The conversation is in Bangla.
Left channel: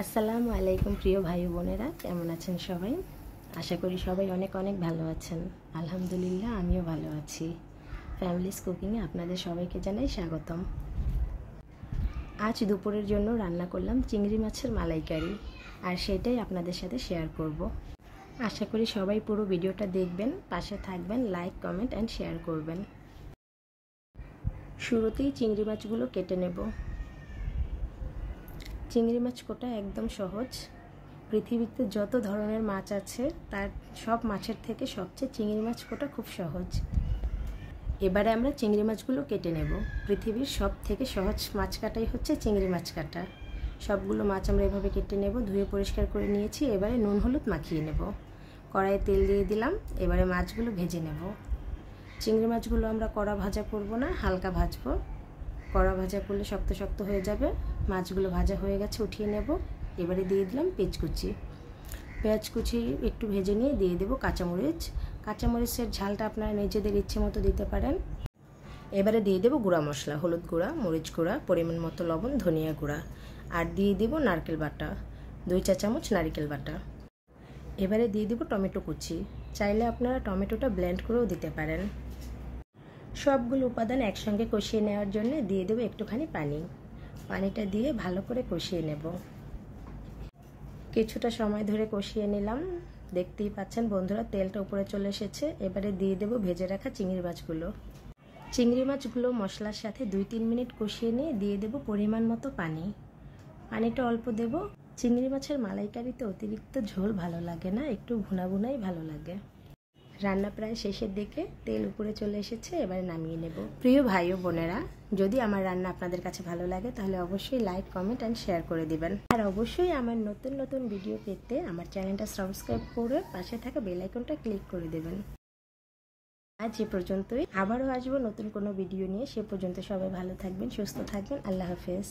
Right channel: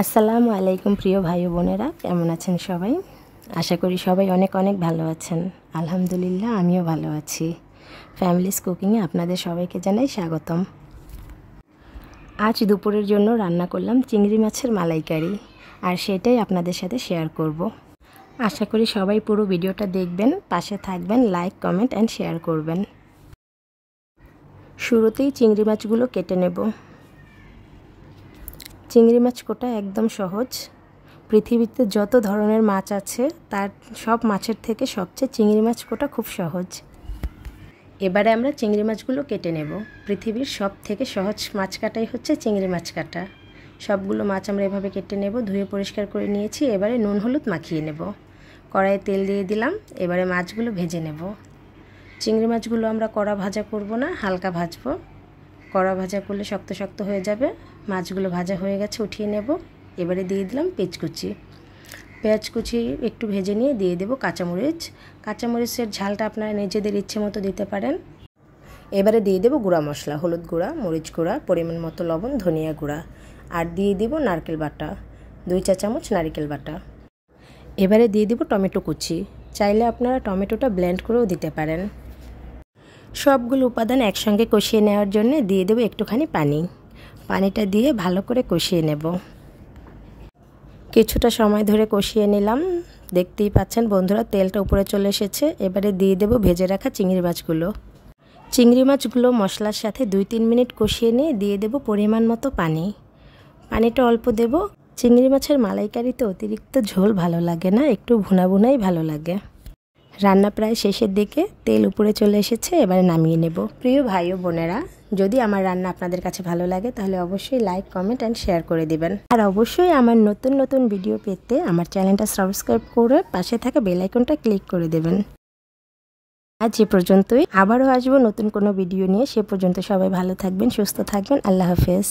আসসালামু আলাইকুম প্রিয় ভাই বোনেরা, কেমন আছেন সবাই? আশা করি সবাই অনেক অনেক ভালো আছেন। আলহামদুলিল্লাহ, আমিও ভালো আছি। ফ্যামিলিস কুকিংয়ে আপনাদের সবাইকে জানাই স্বাগতম। আজ দুপুরের জন্য রান্না করলাম চিংড়ি মাছের মালাইকারি, আর সেটাই আপনাদের সাথে শেয়ার করব। আশা করি সবাই পুরো ভিডিওটা দেখবেন, পাশে থাকবেন, লাইক, কমেন্ট অ্যান্ড শেয়ার করবেন। শুরুতেই চিংড়ি মাছগুলো কেটে নেব। চিংড়ি মাছ কাটা একদম সহজ। পৃথিবীতে যত ধরনের মাছ আছে তার সব মাছের থেকে সবচেয়ে চিংড়ি মাছ কাটা খুব সহজ। এবারে আমরা চিংড়ি মাছগুলো কেটে নেব। পৃথিবীর সব থেকে সহজ মাছ কাটাই হচ্ছে চিংড়ি মাছ কাটা। সবগুলো মাছ আমরা এভাবে কেটে নেব। ধুয়ে পরিষ্কার করে নিয়েছি। এবারে নুন হলুদ মাখিয়ে নেব। কড়াইয়ে তেল দিয়ে দিলাম। এবারে মাছগুলো ভেজে নেব। চিংড়ি মাছগুলো আমরা কড়া ভাজা করব না, হালকা ভাজবো। কড়া ভাজা করলে শক্ত শক্ত হয়ে যাবে। মাছগুলো ভাজা হয়ে গেছে, উঠিয়ে নেব। এবারে দিয়ে দিলাম পেঁয়াজ কুচি একটু ভেজে নিয়ে দিয়ে দেব কাঁচামরিচ। কাঁচামরিচের ঝালটা আপনারা নিজেদের ইচ্ছে মতো দিতে পারেন। এবারে দিয়ে দেব গুঁড়া মশলা, হলুদ গুঁড়া, মরিচ গুঁড়া, পরিমাণ মতো লবণ, ধনিয়া গুঁড়া, আর দিয়ে দেব নারকেল বাটা, 2 চা চামচ নারকেল বাটা। এবারে দিয়ে দেব টমেটো কুচি। চাইলে আপনারা টমেটোটা ব্লেন্ড করেও দিতে পারেন। সবগুলো উপাদান একসঙ্গে কষিয়ে নেওয়ার জন্য দিয়ে দেব একটুখানি পানি। পানিটা দিয়ে ভালো করে কষিয়ে নেব। কিছুটা সময় ধরে কষিয়ে নিলাম। দেখতেই পাচ্ছেন বন্ধুরা, তেলটা উপরে চলে এসেছে। এবারে দিয়ে দেব ভেজে রাখা চিংড়ি মাছগুলো। চিংড়ি মাছগুলো মশলার সাথে 2-3 মিনিট কষিয়ে নিয়ে দিয়ে দেব পরিমাণ মতো পানি। পানিটা অল্প দেব। চিংড়ি মাছের মালাইকারিতে অতিরিক্ত ঝোল ভালো লাগে না, একটু ভুনা ভুনাই ভালো লাগে। রান্না প্রায় শেষের দিকে, তেল উপরে চলে এসেছে। এবারে নামিয়ে নেব। প্রিয় ভাই ও বোনেরা, যদি আমার রান্না আপনাদের কাছে ভালো লাগে তাহলে অবশ্যই লাইক, কমেন্ট অ্যান্ড শেয়ার করে দিবেন। আর অবশ্যই আমার নতুন নতুন ভিডিও পেতে আমার চ্যানেলটা সাবস্ক্রাইব করে পাশে থাকা বেল আইকনটা ক্লিক করে দেবেন। আজ এ পর্যন্তই। আবারও আসবো নতুন কোনো ভিডিও নিয়ে। সে পর্যন্ত সবাই ভালো থাকবেন, সুস্থ থাকবেন। আল্লাহ হাফেজ।